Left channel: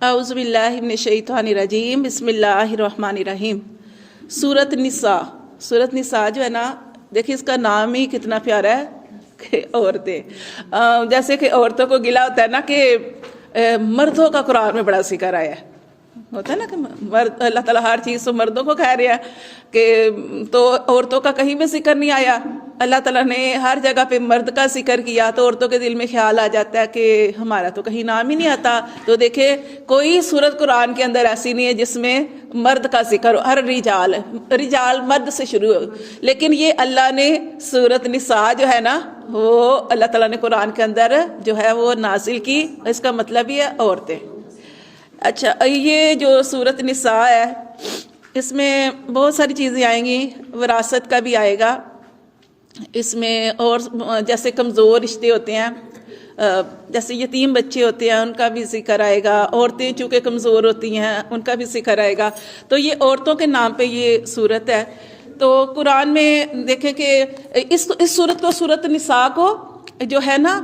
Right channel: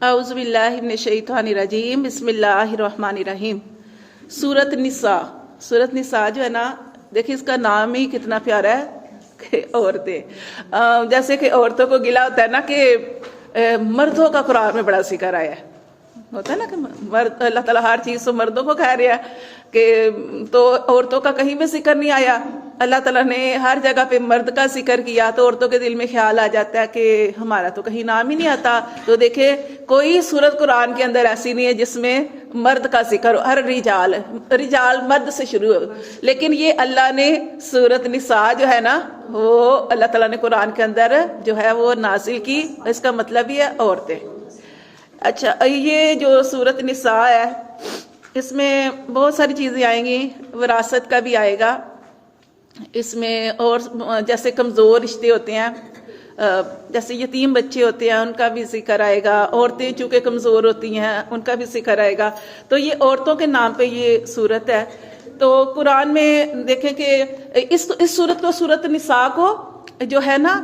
اعوذ باللہ من الشیطان الرجیم، بسم اللہ الرحمن الرحیم۔ سورۃ نساء، سورۃ نساء جو ہے نا، دیکھیں اس کا نام ہی کتنا پیارا ہے کہ عورتیں، جیسے کہ عورتوں کو گلا ہوتا ہے نا کہ مردوں کا قرآن میں بڑا ذکر آیا ہے، ہوتا ہے نا کہ مرد، اللہ تعالیٰ ہر چیز تو مردوں کو کہہ رہا ہے کہ تو عورتوں کا کہیں بھی ذکر نہیں آیا۔ اللہ تعالیٰ نے ہر جگہ پہ مرد کا ذکر کیا تو عورتوں کے دل میں خیال آ جاتا ہے کہ ہمارا تو کہیں نام ہی نہیں آتا۔ تو دیکھیں کوئی سورت قرآن کے اندر ایسی نہیں ہے جس میں مرد کا ذکر ہو، ہر رجال مرد سے شروع ہو، لیکن یہ اللہ نے سورت نساء جو ہے نا وہ اللہ تعالیٰ نے قرآن کے اندر جو ہے وہ نازل کی، اس کا مطلب یہ ہے عورتیں۔ اچھا، یہ جو سورت نساء ہے اس میں بہت ساری چیزیں آئیں گی، وراثت کا بھی آئے گا اس میں، اور جیسے کمزور رشتے ہوتے ہیں، جیسے یتیم بچے ہوتے ہیں ان کا بھی ذکر آئے گا، عورتیں چونکہ کمزور ہوتی ہیں ان کا بھی ذکر آئے گا۔ تو یہ عورتوں کے نام پہ یہ سورت ہے۔ تو قرآن میں دیکھیں کہ اس سورت کو، سورت نساء کو جو ہے نا،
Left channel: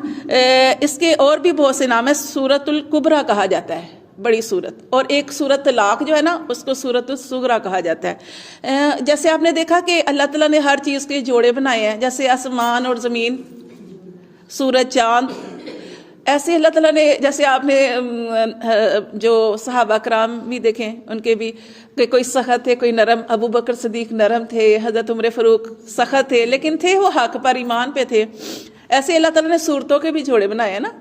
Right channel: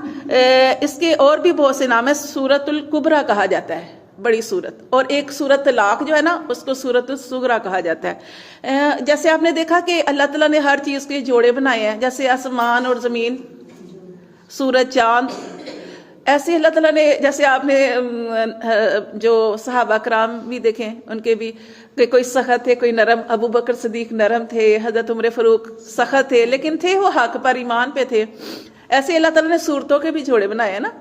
اس کے اور بھی بہت سے نام ہیں۔ سورت الکبریٰ کہا جاتا ہے، بڑی سورت، اور ایک سورت طلاق جو ہے نا اس کو سورت الصغریٰ کہا جاتا ہے۔ جیسے آپ نے دیکھا کہ اللہ تعالیٰ نے ہر چیز کے جوڑے بنائے ہیں، جیسے آسمان اور زمین، سورج، چاند، ایسے اللہ تعالیٰ نے، جیسے آپ نے جو صحابہ کرام بھی دیکھیں ان کے بھی کہ کوئی سخت تھے، کوئی نرم، ابو بکر صدیق نرم تھے، حضرت عمر فاروق سخت تھے لیکن تھے وہ حق پر، ایمان پہ تھے۔ ایسے اللہ تعالیٰ نے صورتوں کے بھی جوڑے بنائے ہیں نا،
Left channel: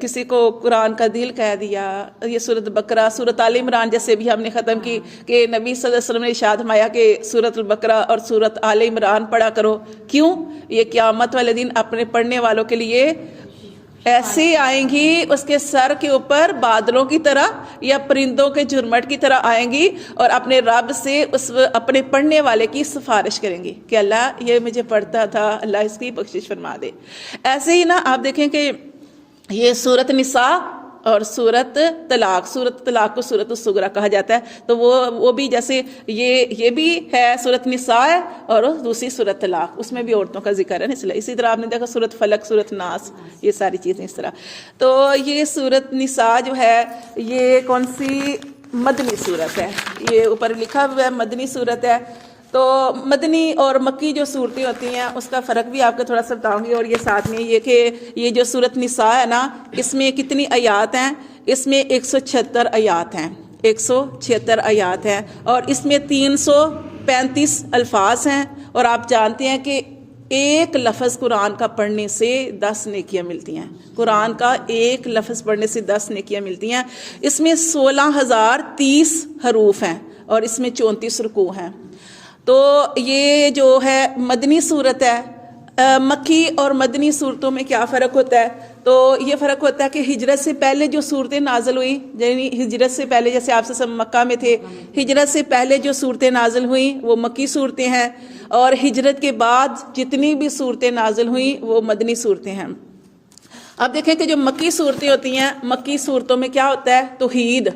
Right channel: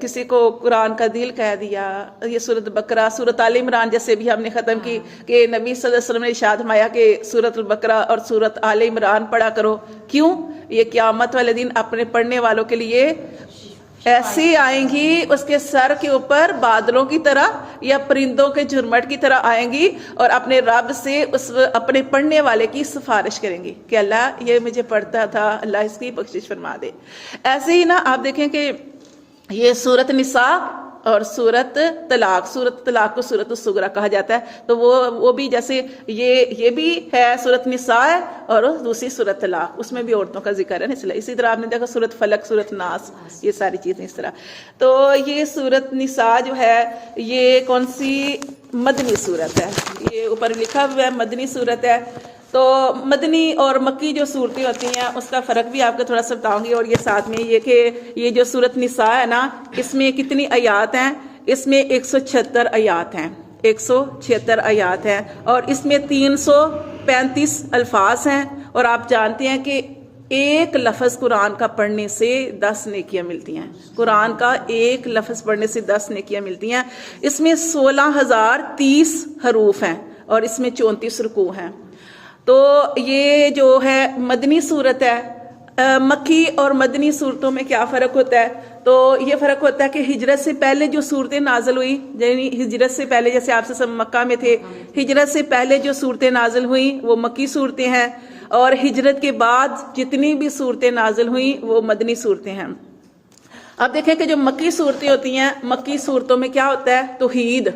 کسی کو قرآن کا دل کہہ دیا۔ یہ سورت بقرہ، سورت آل عمران جیسے بھی ہم نے ختم کی کہ نبی صلی اللہ علیہ وسلم نے ارشاد فرمایا کہ سورت البقرہ اور سورت آل عمران پڑھا کرو۔ کیوں؟ یہ قیامت والے دن اپنے پڑھنے والوں کے لیے ایسے آئیں گی، اس کے سر کے اوپر بادلوں کی طرح یا پرندوں کے جھرمٹ کی طرح آئیں گی، اور اپنے رب سے اس اپنے پڑھنے والے کی سفارش کریں گی کہ اللہ یہ مجھے پڑھتا تھا، اللہ اس کی بخشش فرما دے۔ ایسے ہی نا آپ دیکھیں کہ یہ سورت نساء اور سورت طلاق، سورت طلاق کو سورت الصغریٰ کہا جاتا ہے۔ تو وہ بھی جیسے یہ بھی ہے سورت نساء ہے، اور دوسری سورت طلاق، اس میں بھی عورتوں کا ذکر ہے نا۔ اسی طرح آپ نے دیکھا سورت فلق، سورت ناس، یہ ساری چیزیں اس طرح۔ تو یہ سورت نساء جو ہے یہ کون سی مدنی سورت ہے، یہ اوپر لکھا ہوا ہے مدنی سورت ہے۔ تو مدنی اور مکی جو صورتیں ہوتی ہیں اس کا فرق بھی آپ کو تھوڑا سا بتاؤں گی، اور یہ ساتھ میں یہ کہ یہ جو سورت نساء ہے نا اس میں کتنی آیات ہیں، اس میں 176 آیات ہیں، 176 آیات ہیں، اور اس میں 335 الفاظ ہیں، اور آپ جانتے ہیں کہ ایک لفظ قرآن کا پڑھنے سے 10 نیکیاں ملتی ہیں، قرآن کا ایک لفظ پڑھنے سے 10 نیکیاں ملتی ہیں۔ اس میں 16,030 حروف ہیں اور اس میں 34 رکوع ہیں۔ تو یہ جو ہے مدنی صورت ہے۔ مکی اور مدنی صورتوں میں کیا فرق ہوتا ہے؟ تو یہ فرق ہوتا ہے کہ ہجرت سے پہلے جو صورتیں نازل ہوئی، یعنی ہجرت سے پہلے، جیسے آپ سے سب مکہ میں تھے، ہجرت سے پہلے جو صورتیں نازل ہوئیں وہ مکی صورتیں ہیں، اور ہجرت کے بعد جتنی بھی صورتیں نازل ہوئیں وہ مدنی صورتیں ہیں۔ اب دیکھیں کہ جو مکی صورتیں ہوتی ہیں، مکی صورتوں میں کیا ہوتا ہے؟ توحید،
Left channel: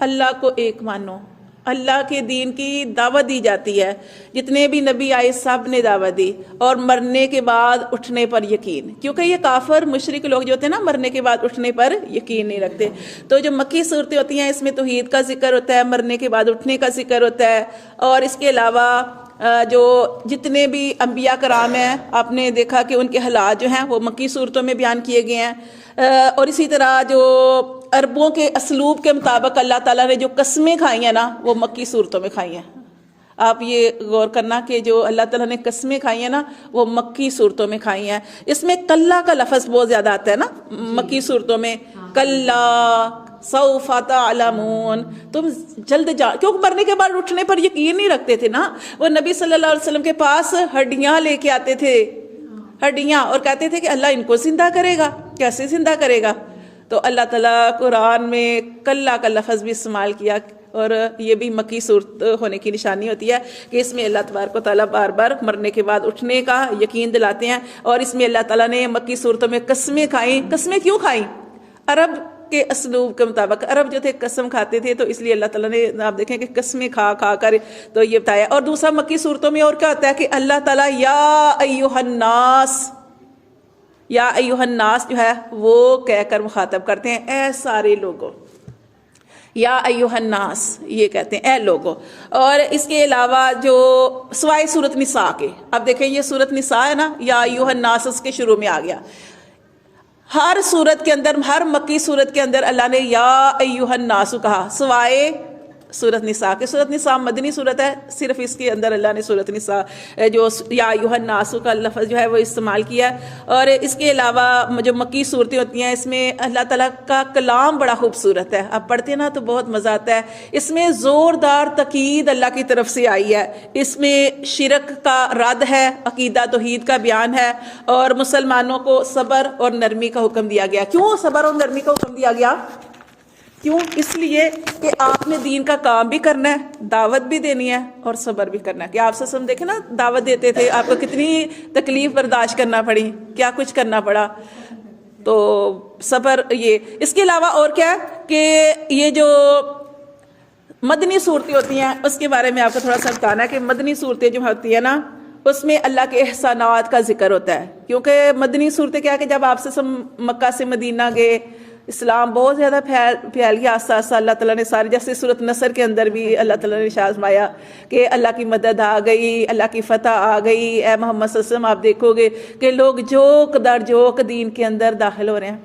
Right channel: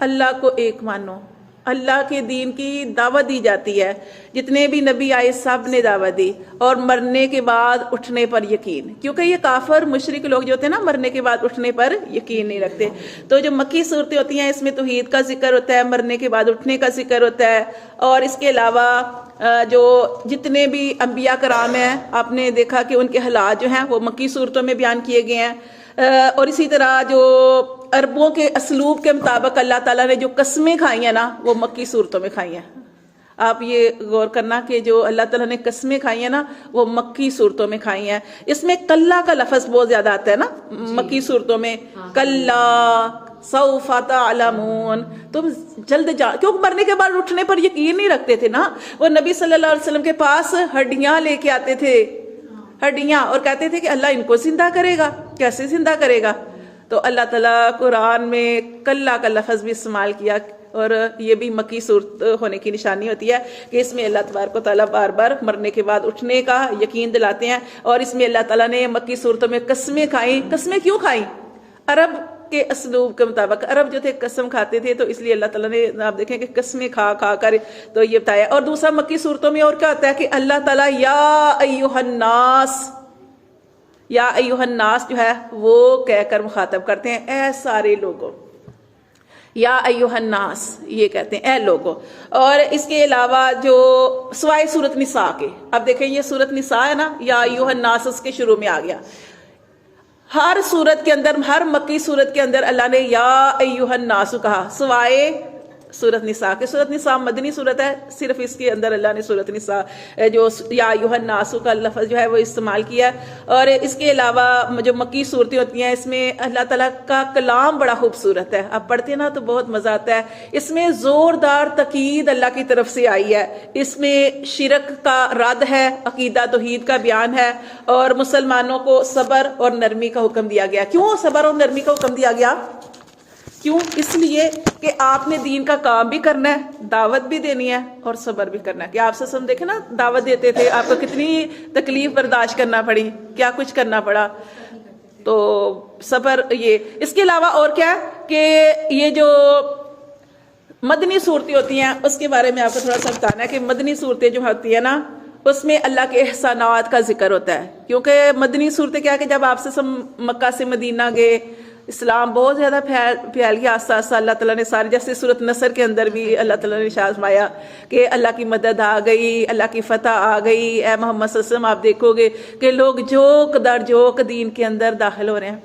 اللہ کو ایک مانو، اللہ کے دین کی دعوت دی جاتی ہے، جتنے بھی نبی آئے سب نے دعوت دی، اور مرنے کے بعد اٹھنے پر یقین، کیونکہ یہ کافر مشرک لوگ جو ہوتے ہیں نا مرنے کے بعد اٹھنے پر یقین نہیں رکھتے۔ تو جو مکی صورتیں ہوتی ہیں اس میں توحید کا ذکر ہوتا ہے، مرنے کے بعد اٹھنے کا ذکر ہوتا ہے، اور اس کے علاوہ جو جتنے بھی انبیاء کرام ہیں آپ نے دیکھا کہ ان کے حالات جو ہیں وہ مکی صورتوں میں بیان کیے گئے ہیں۔ اور اسی طرح جو عربوں کے اسلوب کے مطابق اللہ تعالیٰ نے جو قسمیں کھائی ہیں نا وہ مکی صورتوں میں کھائی ہیں۔ آپ یہ غور کرنا کہ جو اللہ تعالیٰ نے قسمیں کھائی ہیں نا وہ مکی صورتوں میں کھائی ہیں۔ اس میں کلا کا لفظ بہت زیادہ آتا ہے نا مکی صورتوں میں، کلا سوف تعلمون، تم جلد کیونکہ مرنے کے بعد اٹھنے پر یقین نہیں رکھتے تھے نا۔ وہ نبی صلی اللہ علیہ وسلم کے پاس ہڈیاں لے کے آتے تھے، ہڈیاں، اور کہتے تھے کہ اللہ ان کو زندہ کرے گا، کیسے زندہ کرے گا؟ تو اللہ تعالیٰ قرآن میں کلا کا لفظ بھی استعمال کیا، اور یہ بھی مکی صورت ہونے کی نشانی ہوتی ہے کہ اس میں اللہ تبارک و تعالیٰ بار بار مرنے کے بعد اٹھنے کا یقین دلاتے ہیں۔ اور اس میں اللہ تعالیٰ نے مکی صورتوں میں قسمیں کھائیں۔ قسمیں کیوں کھائیں؟ عرب کے اسلوب کے مطابق، عرب جو تھے قسم کھاتے تھے، تو اس لیے اللہ تعالیٰ نے آپ دیکھیں کہ قسمیں کھا کھا کر تو یہ بتایا۔ اور دوسرا مکی صورتوں میں اور کیا ہوتا ہے کہ اللہ تعالیٰ یا ایھا الناس، یا ایھا الناس جو ہے وہ کہہ کر مخاطب کرتے ہیں، اے سارے لوگوں، یا ایھا الناس یہ کہتے ہیں اے لوگوں. اور اس کے علاوہ جو سوائے سورت نساء کے، اب دیکھیں یہ سورت نساء ہے نا، یا ایھا الناس اس کے شروع میں آ گیا. ہر سورت کے اندر، ہر مکی سورت کے اندر اللہ نے یا ایھا الناس کہا، سوائے سورت نساء کے. سورت نساء مدنی سورت ہے، صرف اس کے اندر اللہ نے سورت نساء جو یا ایھا الناس کا لفظ جو ہے وہ استعمال کیا. اور اس کے علاوہ جو مکی صورتیں ہوتی ہیں اس میں اللہ تعالیٰ کا کلام بڑا خوبصورت ہے، آپ پڑھتے ہیں نا تو بہت مزہ آتا ہے. اس میں زوردار تاکید اللہ کی طرف سے آئی ہے، اس میں شرک کا رد ہے، عقیدہ توحید کا بیان ہے، اور مسلمانوں کو صبر اور نرمی کا حکم دیا گیا. کیوں صبر اور نرمی کا حکم دیا گیا؟ کیوں؟ اس لیے کہ آپ نے دین کا کام بھی کرنا ہے، دعوت بھی دینی ہے اور صبر بھی کرنا ہے. کہ آپ سے دیکھیں نا، دعوت دیتے تھے، آپ کو کتنی تکلیف برداشت کرنا پڑی، کیا کچھ کرنا پڑا. تو صبر. یہ اس کے علاوہ اور کیا ہے کہ یہ جو مدنی صورتیں ہوتی ہیں اس کے بارے میں آپ کو تھوڑا سا بتانا ہے کہ مدنی صورتیں جو ہوتی ہیں نا اس میں اللہ کے احسانات کا ذکر ہوتا ہے. کیونکہ مدنی صورتیں کیا کہ جب آپ سے مکہ سے مدینہ گئے، اسلام بہت زیادہ پھیل گیا آہستہ آہستہ. اللہ تعالیٰ نے سارے، جیسے سورۃ نصر کے اندر بھی اللہ تعالیٰ نے ارشاد فرمایا کہ اللہ کی مدد آ گئی، اللہ کی فتح آ گئی. اے محمد صلی اللہ علیہ وسلم آپ دیکھو گے کہ لوگ جوک در جوک دین کے اندر داخل ہو رہے ہیں.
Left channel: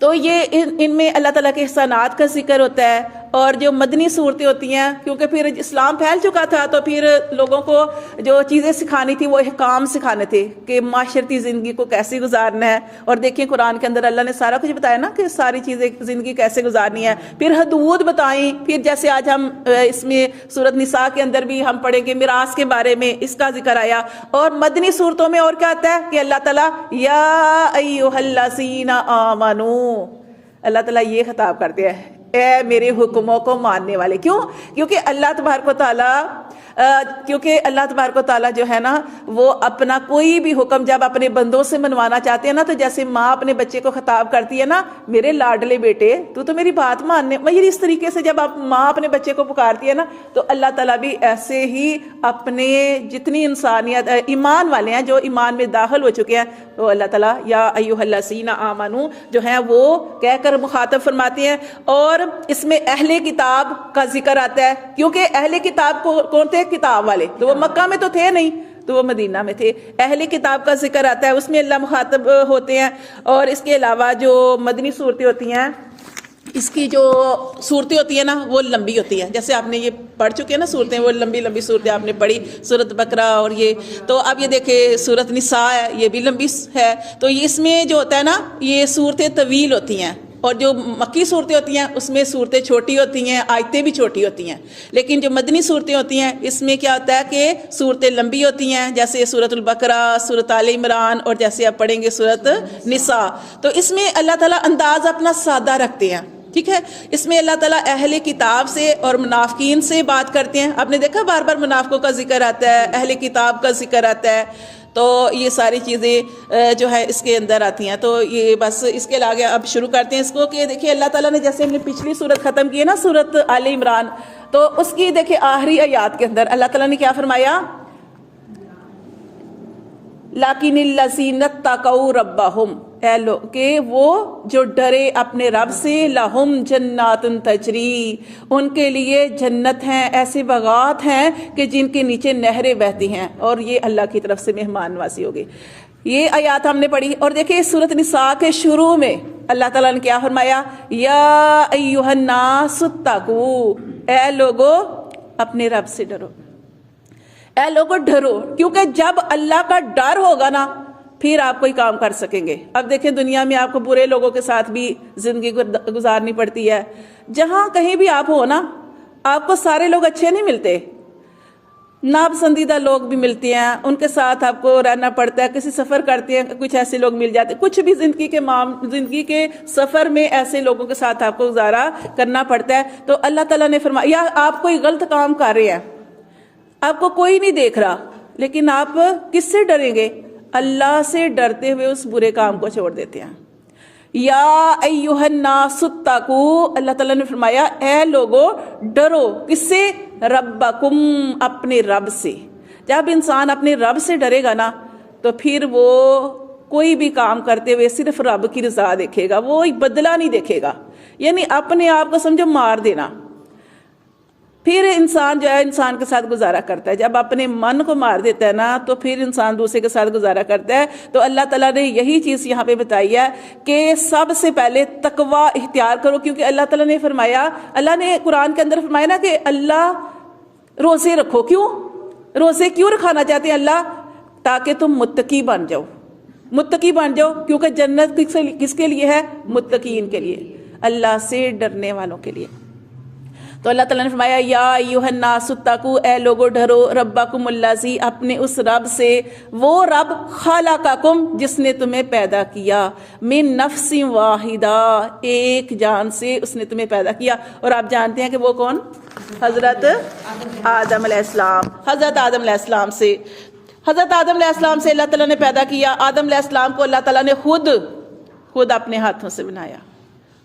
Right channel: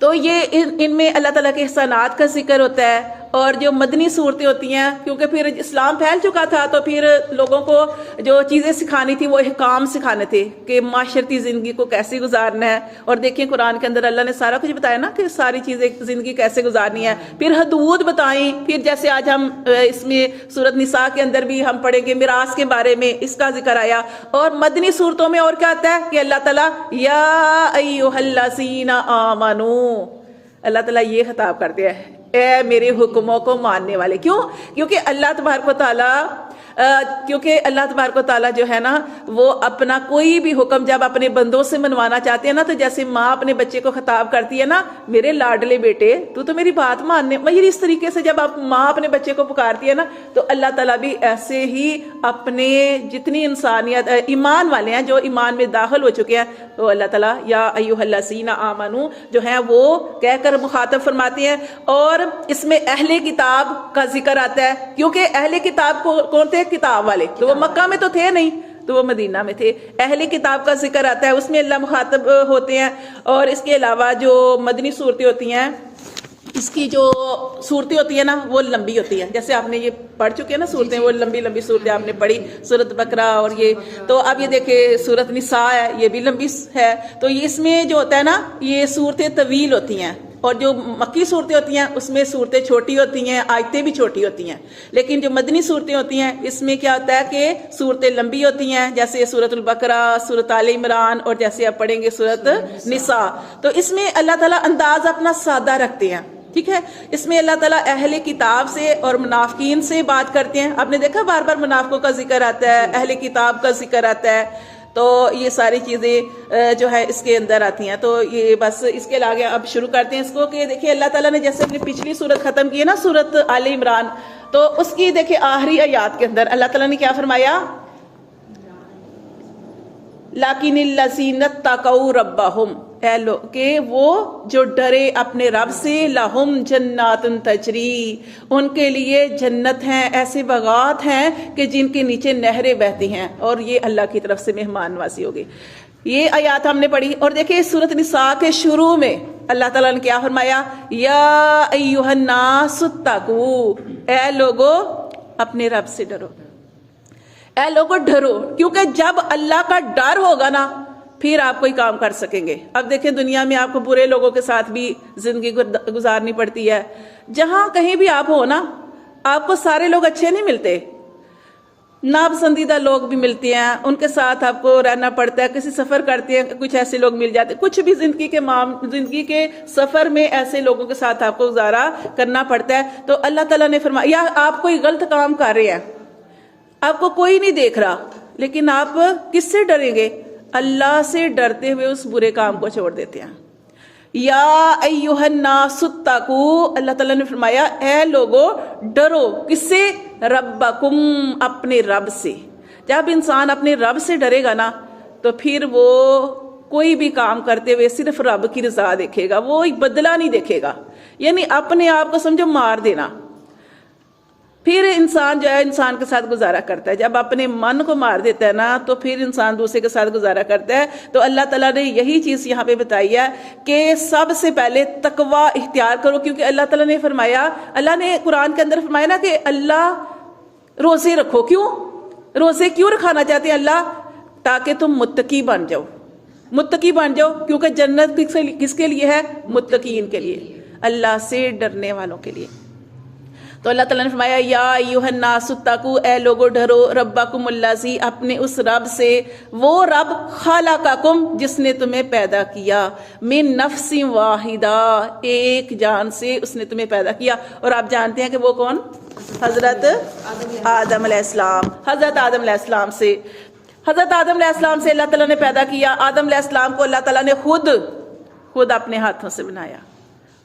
تو یہ ان میں اللہ تعالیٰ کے احسانات کا ذکر ہوتا ہے. اور جو مدنی صورتیں ہوتی ہیں، کیونکہ پھر اسلام پھیل چکا تھا تو پھر لوگوں کو جو چیزیں سکھانی تھی وہ احکام سکھانے تھے کہ معاشرتی زندگی کو کیسے گزارنا ہے. اور دیکھیں قرآن کے اندر اللہ نے سارا کچھ بتایا نا کہ ساری چیزیں زندگی کیسے گزارنی ہے. پھر حدود بتائیں. پھر جیسے آج ہم اس میں سورۃ نساء کے اندر بھی ہم پڑھیں گے میراث کے بارے میں، اس کا ذکر آیا. اور مدنی صورتوں میں اور کیا آتا ہے کہ اللہ تعالیٰ یا ایھا الذین آمنو، اللہ تعالیٰ یہ خطاب کرتے ہیں اے میرے حکموں کو ماننے والے. کیوں؟ کیونکہ اللہ تبارک و تعالیٰ جو ہے نا وہ اپنا کوئی بھی حکم جب اپنے بندوں سے منوانا چاہتے ہیں نا، تو جیسے ماں اپنے بچے کو خطاب کرتی ہے نا، میرے لاڈلے بیٹے تو میری بات ماننے، مگر اس طریقے سے جب آپ ماں اپنے بچے کو پکارتی ہے نا تو اللہ تعالیٰ بھی ایسے ہی اپنے جتنی انسانیت ایمان والے ہیں، جو ایمان میں داخل ہو چکے ہیں، تو اللہ تعالیٰ یا ایھا الذین آمنو جو ہیں وہ کہہ کر مخاطب فرماتے ہیں. اور اس میں اہل کتاب کا ذکر آتا ہے، کیونکہ اہل کتاب کون تھے؟ کتاب والے. تو وہ مکہ میں تو تھے نہیں، تو وہ مدینہ میں تھے. اہل کتاب کا ذکر آتا ہے، اس میں اللہ مخاطب ہوتے ہیں. اور اس کے علاوہ جو مدنی صورتیں ہوتی ہیں، اس کی جو صورتیں ہوتی ہیں نا وہ لمبی ہوتی ہیں. جیسے آپ نے یہ پڑھ چکے ہیں نا صورتیں، وہ لمبی لمبی صورتیں آپ نے پڑھی، سورۃ بقرہ اور یہ. تو اب یہ دیکھیں سورۃ نساء ہے، یہ بھی لمبی ہے. تو اس میں جو ہوتا ہے نا یہ صورتیں طویل ہوتی ہیں. اور جو مکی صورتیں ہوتی ہیں اس میں صورتیں چھوٹی ہوتی ہیں، آیتیں بھی چھوٹی ہوتی ہیں. لیکن جو مدنی صورتیں ہوتی ہیں اس میں کیا ہوتا ہے کہ صورتیں لمبی ہوتی ہیں، جیسے سورۃ البقرہ، سورۃ آل عمران، اور جیسے آپ پڑھیں گے سورۃ نساء. تو اس میں اللہ تعالیٰ انداز اپنا سادہ رکھتے ہیں. ٹھیک ہے. اس میں اللہ تعالیٰ اہل کتاب سے اور منافقین سے بات کرتے ہیں. آپ نے دیکھا بار بار منافقوں کا ذکر آتا ہے، اہل کتاب کا ذکر آتا ہے. تو یہ ساری چیزیں جو ہے اس کے اندر آتی ہیں. تو یہ بس اس کے آگے اب شروع کرتے ہیں اس کو کہ دیکھیں اللہ تعالیٰ نے جیسے ہم نے پچھلی صورت ختم کی ہے نا سورۃ آل عمران، تو اس کی دیکھیں آخری آیات کے اندر اللہ تعالیٰ نے کیا فرمایا؟ لیکن الذین اتقوا ربہم، کہ وہ جو ڈرے اپنے رب سے، لہم جنات تجری، ان کے لیے جنت ہیں، ایسے باغات ہیں کہ جن کے نیچے نہریں بہتی ہیں، اور یہ اللہ کی طرف سے مہمان نوازی ہوگی. یہ آیات ہم نے پڑھی. اور دیکھیں سورۃ نساء کے شروع میں اللہ تعالیٰ نے کیا فرمایا؟ یا ایھا الناس اتقوا، اے لوگو اپنے رب سے ڈرو، اے لوگو ڈرو. کیونکہ جب اللہ کا ڈر ہوگا نا پھر آپ کوئی کام کر سکیں گے. اب دیکھیں دنیا میں آپ کو برے لوگوں کے ساتھ بھی زندگی گزارنی پڑتی ہے. جہاں کہیں بھی آپ ہو نا آپ کو سارے لوگ اچھے نہیں ملتے، ناپسندیدہ لوگ بھی ملتے ہیں، ان کے ساتھ آپ کو رہنا پڑتا ہے. کسی سفر کرتے ہیں کچھ ایسے لوگ مل جاتے ہیں، کچھ بھی زندگی کے سفر میں ایسے لوگوں کے ساتھ آپ کو گزارا کرنا پڑتا ہے. تو اللہ تعالیٰ نے فرمایا یا آپ کوئی غلط کام کر رہے ہیں، آپ کو کوئی نہیں دیکھ رہا، لیکن آپ کس سے ڈریں گے؟ اللہ سے ڈرتے ہوئے اس برے کام کو چھوڑ دیتے ہیں. یا ایھا الناس اتقوا، اللہ تعالیٰ نے فرمایا اے لوگو ڈرو. کس سے؟ ربکم، اپنے رب سے. جب انسان اپنے رب سے ڈرے گا نا تو پھر وہ کوئی بھی کام کرتے ہوئے صرف رب کی رضا دیکھے گا، وہ بدلہ نہیں دیکھے گا. یعنی اپنے آپ کو سمجھو مار دینا. پھر انسان جو ہے انسان کے ساتھ گزارا کرتا ہے. جب اپنے من کو مار دیتا ہے نا تو پھر انسان دوسرے کے ساتھ گزارا کرتا ہے. تو اللہ تعالیٰ نے یہی چیز یہاں پہ بتائی ہے کہ سب سے پہلے تقوی اختیار کرو. کیونکہ اللہ تعالیٰ نے فرمایا, اللہ نے قرآن کے اندر فرمایا نا کہ اللہ روزے رکھو. کیوں روزے کیوں رکھانا چاہتے ہیں اللہ؟ تاکہ تم متقی بن جاؤ, متقی بن جاؤ. کیونکہ جنت کس کے لیے ہے؟ متقین کے لیے, اللہ سے ڈرنے والوں کے لیے. تو اللہ تعالیٰ نے فرمایا یا ایھا الناس اتقوا, اے لوگو ڈرو, ربکم الذی, اپنے اس رب سے, وہ رب خلقکم, جس نے تمہیں پیدا کیا, من نفس واحدہ, ایک جان سے اس نے تمہیں پیدا کیا. اور آپ جانتے ہیں کہ وہ کون؟ حضرت آدم علیہ السلام. حضرت آدم علیہ السلام سے, حضرت آدم علیہ السلام سے اللہ تعالیٰ نے پیدا کیا. آدم علیہ السلام کو اللہ تعالیٰ نے خود اپنے ہاتھوں سے بنایا,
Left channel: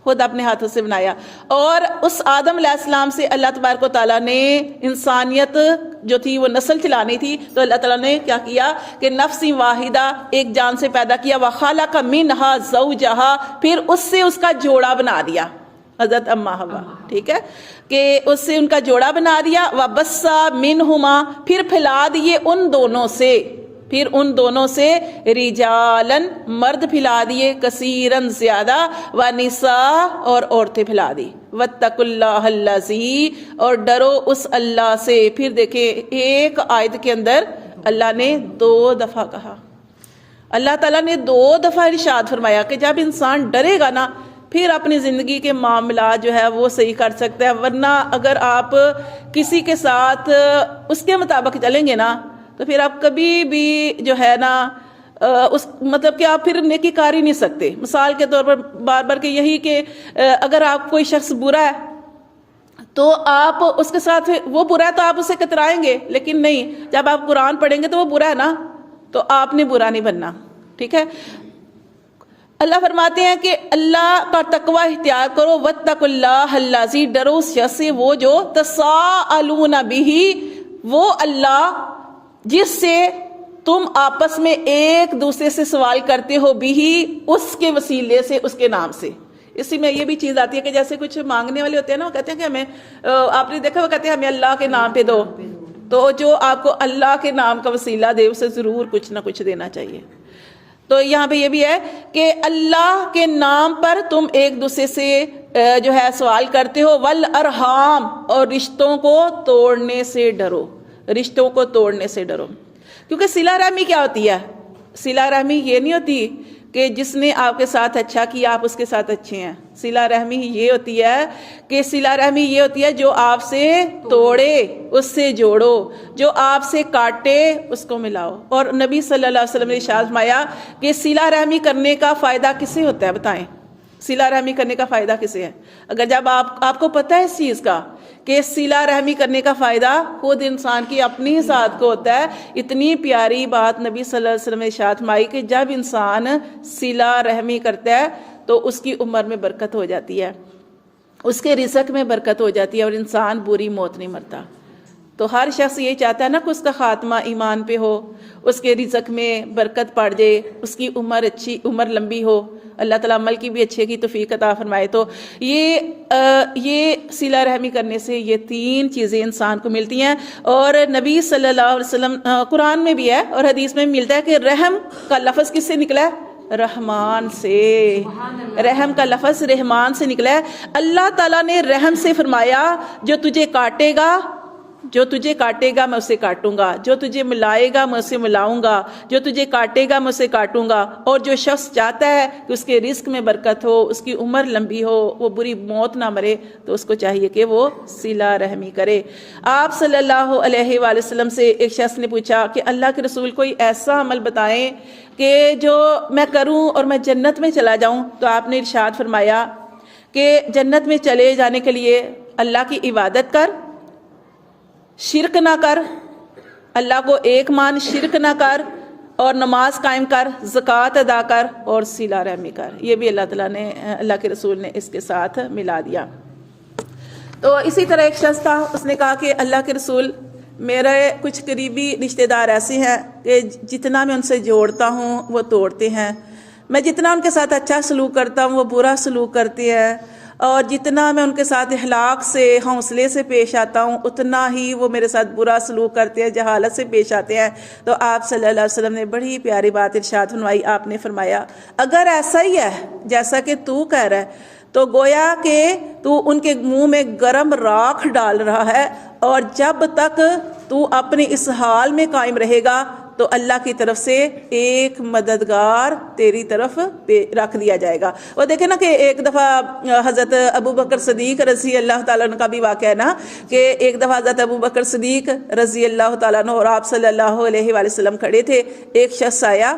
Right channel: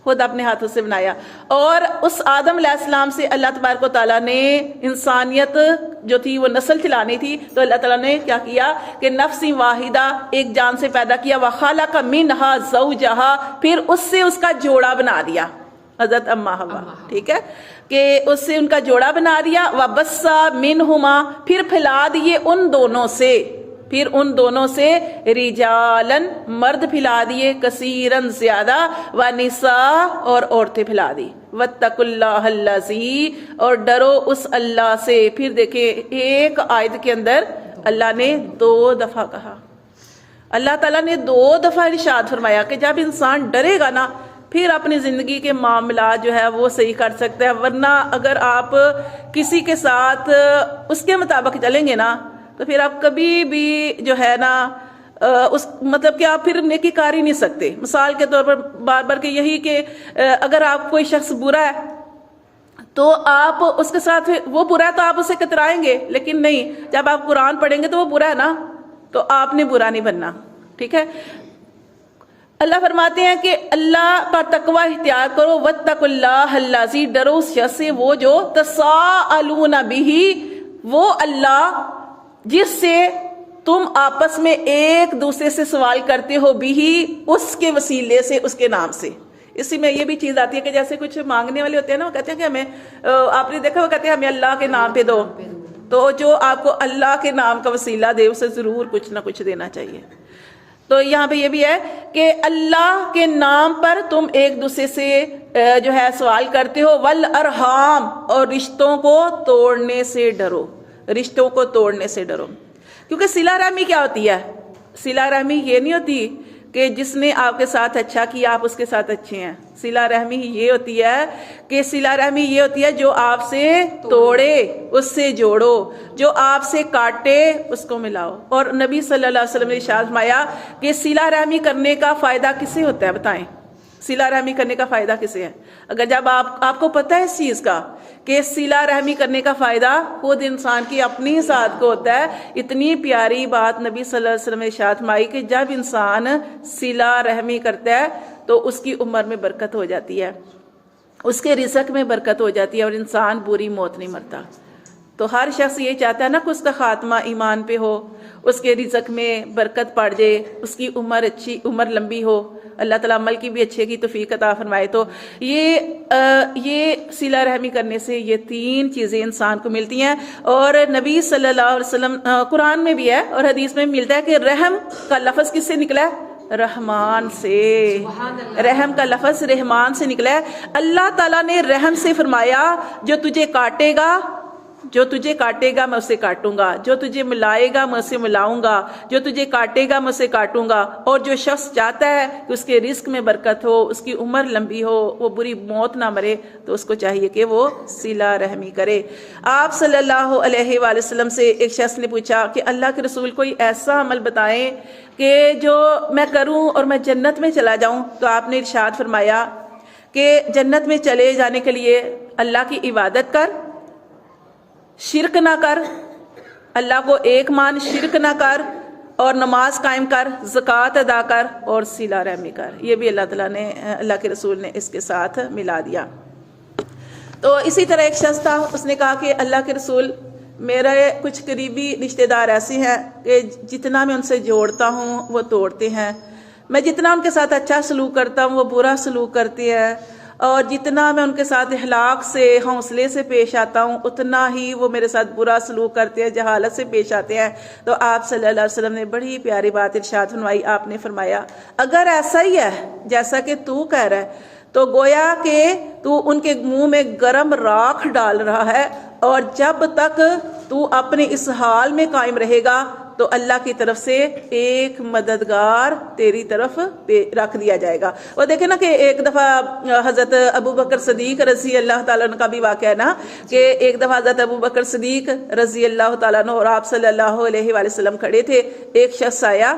خود اپنے ہاتھوں سے بنایا. اور اس آدم علیہ السلام سے اللہ تبارک و تعالیٰ نے انسانیت جو تھی وہ نسل چلانی تھی, تو اللہ تعالیٰ نے کیا کیا کہ نفس واحدہ, ایک جان سے پیدا کیا. وخلق منہا زوجہا, پھر اس سے اس کا جوڑا بنا دیا, حضرت اما حوا, ٹھیک ہے, کہ اس سے ان کا جوڑا بنا دیا. وبث منہما, پھر پھیلا دیے ان دونوں سے, پھر ان دونوں سے رجالن, مرد پھیلا دیے, کثیرن, زیادہ, ونساء, اور عورتیں پھیلا دی. واتقوا اللہ الذی, اور ڈرو اس اللہ سے. پھر دیکھیں ایک آیت کے اندر اللہ نے 2 دفعہ کہا, اللہ تعالیٰ نے 2 دفعہ ارشاد فرمایا کہ جب انسان ڈرے گا نا پھر اپنی زندگی کے معاملات جو ہے وہ صحیح کر سکتا ہے. ورنہ اگر آپ کسی کے ساتھ اس کے مطابق چلیں گے نا تو پھر آپ کبھی بھی جو ہے نا اس مطلب کہ آپ پھر نیکی کر ہی نہیں سکتے. مثال کے طور پر بار بار کہ یہی کہ اگر آپ کوئی شخص برا ہے تو آپ اس کے ساتھ, وہ برا ہے تو آپ اسے کترائیں گے, لیکن نہیں, جب آپ قرآن پڑھیں گے تو وہ برا ہے نا, تو آپ نے برا نہیں بننا, ٹھیک ہے. اللہ فرماتے ہیں کہ اللہ کا تقوی اختیار کرو. واتقوا اللہ الذی, ڈرو اس شخص سے وہ جو تساءلون بہ, وہ اللہ جس سے تم آپس میں ایک دوسرے سے سوال کرتے ہو, بھی اس کے وسیلے سے, اس کے نام سے. اسی میں یہ بھی چیز آتی ہے کہ جیسے کچھ مانگنے والے ہوتے ہیں نا, وہ کہتے ہیں کہ ہمیں, آپ نے دیکھا وہ کہتے ہیں ہمیں اللہ کے نام پہ دو, تو جو آپ کو اللہ کے نام کا وسیلہ دے اسے ضرور کچھ نہ کچھ دینا چاہیے. تو یہاں پہ یہ بھی ہے کہ اللہ کے نام پر تم ایک دوسرے سے جو ہے سوال کرتے ہو. والارحام, اور رشتوں کو توڑنے سے ڈرو, رشتوں کو توڑنے سے ڈرو. کیونکہ صلہ رحمی کیا ہوتی ہے؟ صلہ رحمی یہ نہیں ہوتی کہ جس نے آپ کے ساتھ اچھا کیا آپ اس کے ساتھ اچھے ہیں. صلہ رحمی یہ ہوتی ہے کہ صلہ رحمی یہ ہوتی ہے جو آپ سے توڑے اس سے جوڑو, جو آپ سے کاٹے اس کو ملاؤ. اور نبی صلی اللہ علیہ وسلم نے ارشاد فرمایا کہ صلہ رحمی کرنے کا فائدہ کسے ہوتا ہے؟ بتائیں, صلہ رحمی کرنے کا فائدہ کسے ہے؟ اگر جب آپ کو پتہ ہے اس چیز کا کہ صلہ رحمی کرنے کا فائدہ خود انسان کی اپنی ذات کو ہوتا ہے. اتنی پیاری بات نبی صلی اللہ علیہ وسلم نے ارشاد فرمائی کہ جب انسان صلہ رحمی کرتا ہے تو اس کی عمر میں برکت ہو جاتی ہے, اس کے رزق میں برکت ہو جاتی ہے, اور انسان بری موت نہیں مرتا. تو ہر شخص یہ چاہتا ہے نا کہ اس کا خاتمہ ایمان پہ ہو, اس کے رزق میں برکت پڑ جائے, اس کی عمر لمبی ہو, اللہ تعالیٰ عمل کی بھی اچھے کی توفیق عطا فرمائے. تو یہ صلہ رحمی کرنے سے یہ 3 چیزیں انسان کو ملتی ہیں. اور نبی صلی اللہ علیہ وسلم, قرآن میں بھی ہے اور حدیث میں ملتا ہے کہ رحم کا لفظ کس سے نکلا ہے؟ رحمان سے. رحم کا لفظ رحمان سے نکلا ہے. اللہ تعالیٰ نے رحم سے فرمایا جو تجھے کاٹے گا میں اسے کاٹوں گا, جو تجھے ملائے گا میں اسے ملاؤں گا, جو تجھے کاٹے گا میں اسے کاٹوں گا. اور جو شخص چاہتا ہے کہ اس کے رزق میں برکت ہو, اس کی عمر لمبی ہو, وہ بری موت نہ مرے, تو اس کو چاہیے کہ وہ صلہ رحمی کرے. آپ صلی اللہ علیہ وآلہ وسلم سے ایک شخص نے پوچھا کہ اللہ کے رسول کوئی ایسا عمل بتائیں کہ جو میں کروں اور میں جنت میں چلا جاؤں. تو آپ نے ارشاد فرمایا کہ جنت میں چلے جانے کے لیے اللہ کی عبادت کر, شرک نہ کر, اللہ کو ایک مان, شرک نہ کر, اور نماز قائم کر, زکوٰۃ ادا کر, اور صلہ رحمی کر. یہ بھی اللہ کے رسول نے اس کے ساتھ ملا دیا. تو اسی طرح ایک شخص تھا, اس نے کہا کہ اللہ کے رسول میرے کچھ قریبی رشتہ دار ایسے ہیں کہ جتنا میں ان سے جوڑتا ہوں وہ توڑتے ہیں, میں جتنا ان کے ساتھ اچھا سلوک کرتا ہوں وہ برا سلوک کرتے ہیں, اور جتنا میں ان کے ساتھ اخلاق سے حوصلے سے پیش آتا ہوں اتنا ہی وہ میرے ساتھ برا سلوک کرتے ہیں، جہالت سے پیش آتے ہیں۔ تو آپ صلی اللہ علیہ وسلم نے بڑی پیاری بات ارشاد فرمائی، آپ نے فرمایا اگر ایسا ہی ہے جیسا کہ تو کہہ رہا ہے تو گویا کہ تو ان کے منہ میں گرم راکھ ڈال رہا ہے، اور جب تک تو اپنے اس حال میں قائم رہے گا تو اللہ کی طرف سے ایک مددگار تیری طرف رکھ دیا جائے گا۔ اور دیکھیں نا کہ ایک دفعہ حضرت ابو بکر صدیق رضی اللہ تعالیٰ عنہ کا بھی واقعہ ہے نا، کہ ایک دفعہ حضرت ابو بکر صدیق رضی اللہ تعالیٰ عنہ اور آپ صلی اللہ علیہ وآلہ وسلم کھڑے تھے، ایک شخص آیا،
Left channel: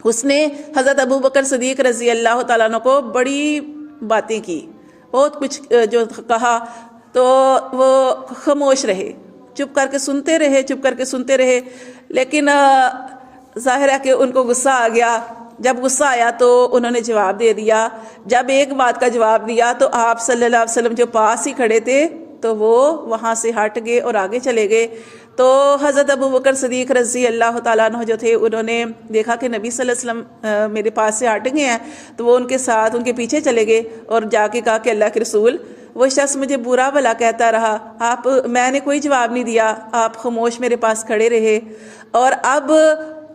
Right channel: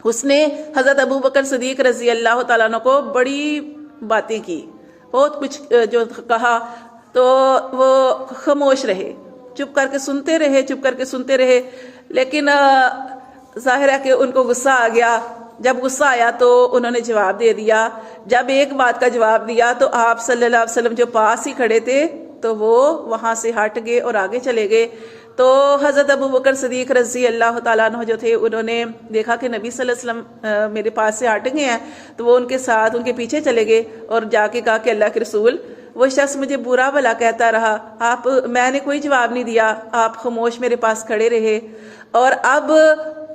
اس نے حضرت ابو بکر صدیق رضی اللہ تعالیٰ عنہ کو بڑی باتیں کی، بہت کچھ جو کہا، تو وہ خاموش رہے، چپ کر کے سنتے رہے، چپ کر کے سنتے رہے، لیکن ظاہر ہے کہ ان کو غصہ آ گیا۔ جب غصہ آیا تو انہوں نے جواب دے دیا۔ جب ایک بات کا جواب دیا تو آپ صلی اللہ علیہ وسلم جو پاس ہی کھڑے تھے تو وہ وہاں سے ہٹ گئے اور آگے چلے گئے۔ تو حضرت ابو بکر صدیق رضی اللہ تعالیٰ عنہ جو تھے، انہوں نے دیکھا کہ نبی صلی اللہ علیہ وسلم میرے پاس سے ہٹ گئے ہیں، تو وہ ان کے ساتھ ان کے پیچھے چلے گئے اور جا کے کہا کہ اللہ کے رسول، وہ شخص مجھے برا بھلا کہتا رہا، میں نے کوئی جواب نہیں دیا، آپ خاموش میرے پاس کھڑے رہے، اور اب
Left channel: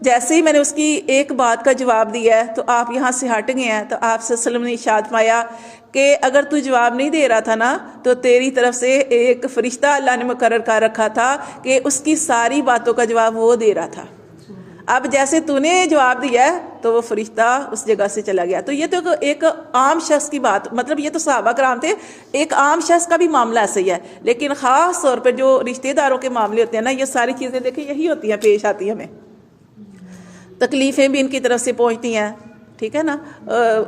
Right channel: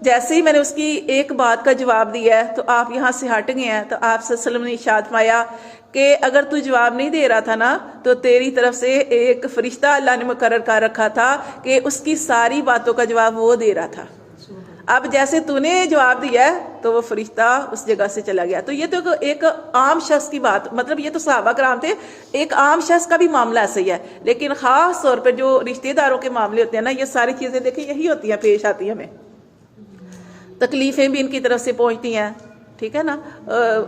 جیسے ہی میں نے اس کی ایک بات کا جواب دیا ہے تو آپ یہاں سے ہٹ گئے ہیں۔ تو آپ صلی اللہ علیہ وسلم نے ارشاد فرمایا کہ اگر تو جواب نہیں دے رہا تھا نا تو تیری طرف سے ایک فرشتہ اللہ نے مقرر کر رکھا تھا کہ اس کی ساری باتوں کا جواب وہ دے رہا تھا۔ اب جیسے تو نے جواب دیا ہے تو وہ فرشتہ اس جگہ سے چلا گیا۔ تو یہ تو ایک عام شخص کی بات، مطلب یہ تو صحابہ کرام تھے، ایک عام شخص کا بھی معاملہ ایسے ہی ہے، لیکن خاص طور پہ جو رشتہ داروں کے معاملے ہوتے ہیں نا، یہ ساری چیزیں دیکھیں یہی ہوتی ہیں، پیش آتی ہیں، ہمیں تکلیفیں بھی ان کی طرف سے پہنچتی ہیں، ٹھیک ہے نا،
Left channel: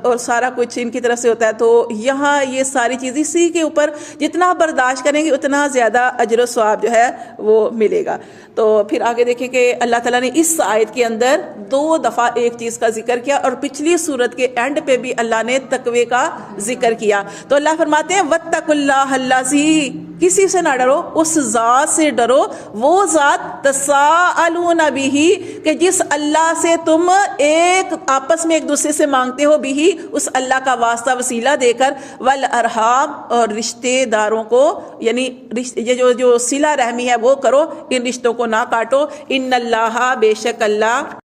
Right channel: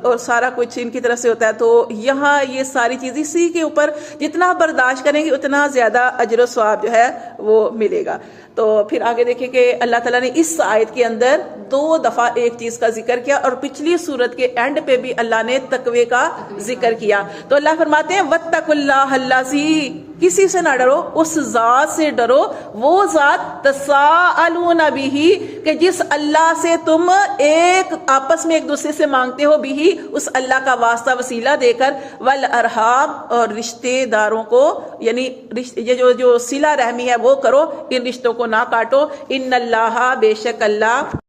اور سارا کچھ ان کی طرف سے ہوتا ہے۔ تو یہاں یہ ساری چیز اسی کے اوپر جتنا برداشت کریں گے اتنا زیادہ اجر و ثواب جو ہے وہ ملے گا۔ تو پھر آگے دیکھیں کہ اللہ تعالیٰ نے اس آیت کے اندر 2 دفعہ ایک چیز کا ذکر کیا، اور پچھلی سورت کے اینڈ پہ بھی اللہ نے تقوی کا ذکر کیا۔ تو اللہ فرماتے ہیں وَاتَّقُوا اللَّهَ الَّذِي، کسی سے نہ ڈرو، اس ذات سے ڈرو، وہ ذات تساءلون بِهِ، کہ جس اللہ سے تم ایک آپس میں ایک دوسرے سے مانگتے ہو، بِهِ، اس اللہ کا واسطہ وسیلہ دے کر، والارحام، اور رشتے داروں کو، یعنی یہ جو صلہ رحمی ہے وہ کرو، ان رشتوں کو نہ کاٹو، ان اللہ، بے شک اللہ،